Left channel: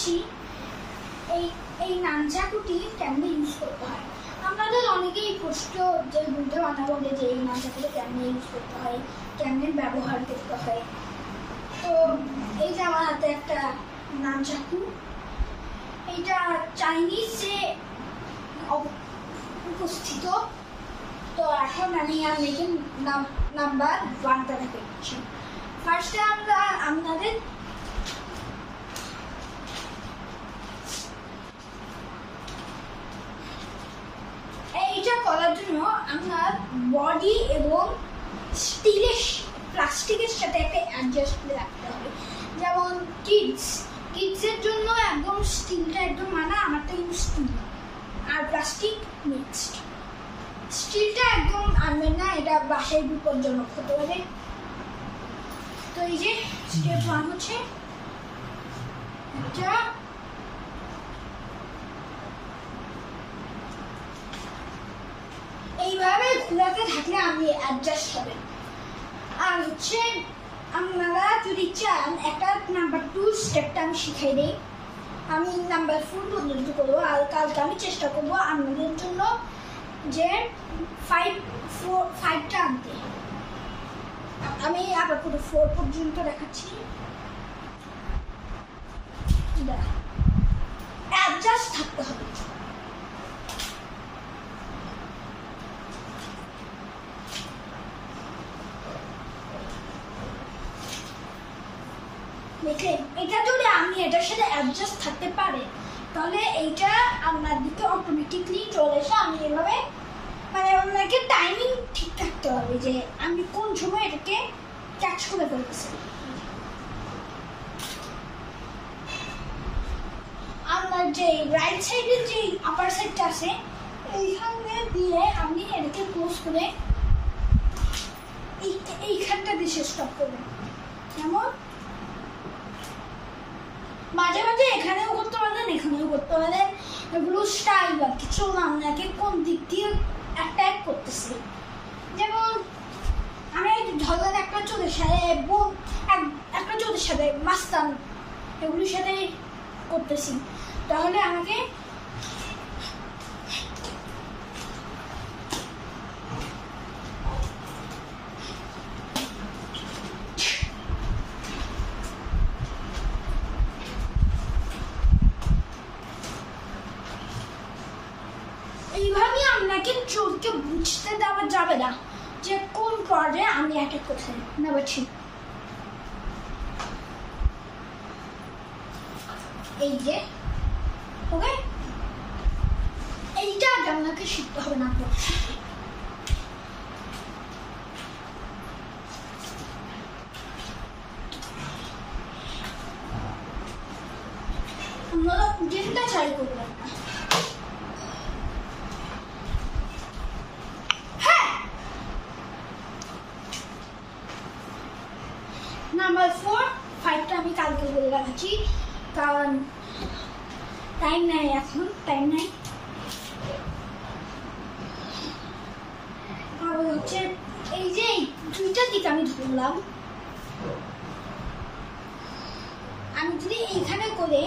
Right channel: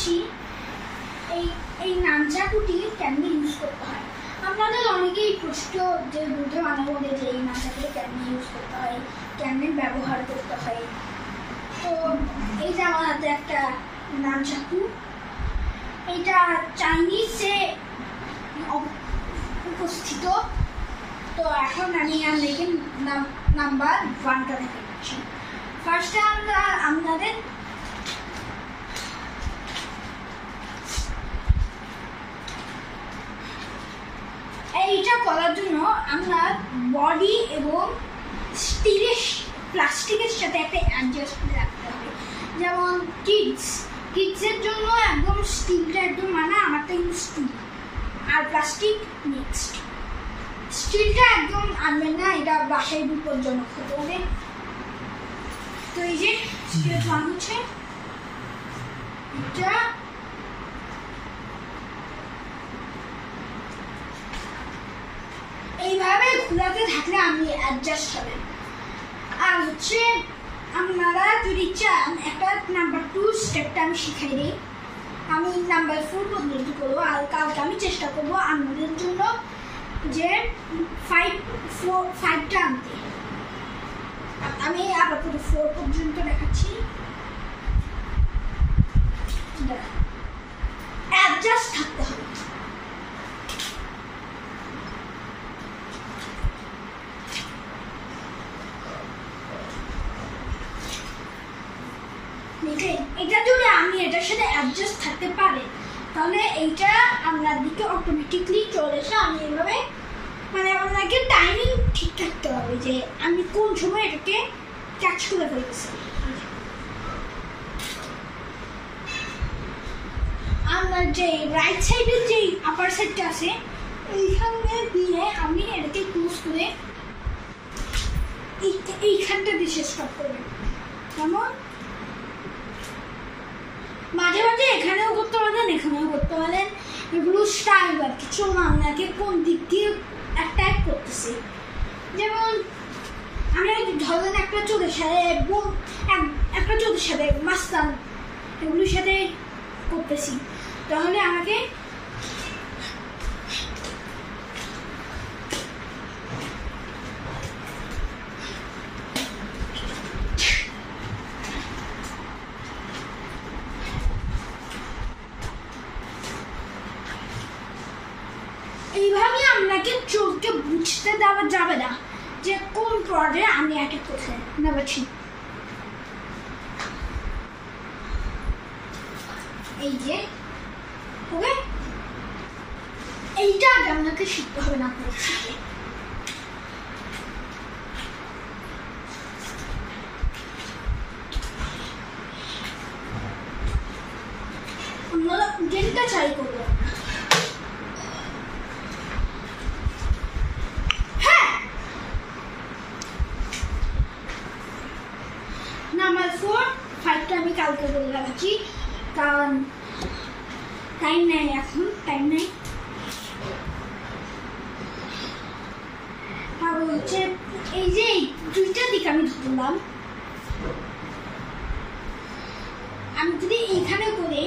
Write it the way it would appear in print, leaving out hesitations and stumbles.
বলছি এই এই নানচাকুটি কেমনে ইউজ করতে হয়। আপনাদের অনেকেই প্রশ্ন যে বুঝতে বানাবো যে এই নানচাকুটি কেমনে ইউজ করতে হয়, কেমনে ব্যবহার করতে হয়। তো এই যে আমার হাতে একটা নানচাকু, এটা চাইনিজে উপস্থিত। তো এখন আমি আপনাকে নাম্বার 1টা থেকে দিচ্ছি। ফার্স্টে আমরা আপনাদের এইটা করার জন্য আমরা বডি এবং প্লাস্টিকের সাথে একটা অ্যাডজাস্ট করে রাখতে হবে। যেমন কিডসের জন্য একদম স্টিলটা একদম মানা, আমারটা কিন্তু স্টিল আর প্লাস্টিক মিক্সড। স্টিলটা একদম আনবেন না, এটা বাসায় বিপজ্জনক হতে পারে। তো এই যে স্টেপ 1 হচ্ছে এটা, এইভাবে ঘোরাতে থাকলে আপনি অ্যাডজাস্ট হবেন। আর হচ্ছে আপনারা যদি চান একটা নাম্বার 2 স্টেপটা আমি শিখাই দিই। আমি নাম্বার 4 পর্যন্ত করবো, আর কালকে আমি চেষ্টা করবো আপনাদের জন্য যে 5টা আনতে। আমি আপাতত 4 পর্যন্ত দেখাচ্ছি। অ্যাডজাস্ট থাকতে হবে। এটা যদি আমি এটার সাথে অ্যাডজাস্ট থাকতে পারে তাহলে এইটা আপনার দিকে অটোমেটিকলি চলে এসে আমি এভাবে মানে আপনাকে টাইমিং ঠিক থাকতে হবে যে আমি কোন সময় এটাকে ক্যাচ করে ফেলতেছি। আপনার যে রাইট সাইডের যে আপার সাইডটা আছে এইখানে দিয়ে আপনি এটাকে ক্লোজ করে এইখানটা দিয়ে স্টপ করবেন। যেমন মাঝে মাঝে এখানেও করতে পারেন, এখানেও করতে পারেন। এগুলো স্টাইল বা কিছু আপনাকে কোন দিক দিয়ে অ্যাটাক করতেছি। যেমন আমি ধরেন একটা চোখের সাথে মাস্তান এগুলোর সাথে করতেছি, তাহলে আমাকে এইভাবে আপনাকে চোখকে বুঝতে দেওয়া যাবে না যে কোন পর্যায়ে আমি অ্যাটাক করতে নেবেছি। এই যে ওকে, এইটা আগে আপনাকে শিখতে হবে না। আপনারা গেমটা ট্রাই করবেন না। নাম্বার 4, 5টা আমি কালকে বলে রাখছি, কারণ টাইম নাই, এখন টাইম নাই। আর হচ্ছে এই যে 2টা দিক আমি ধরলাম, আমি যদি এইখানে করে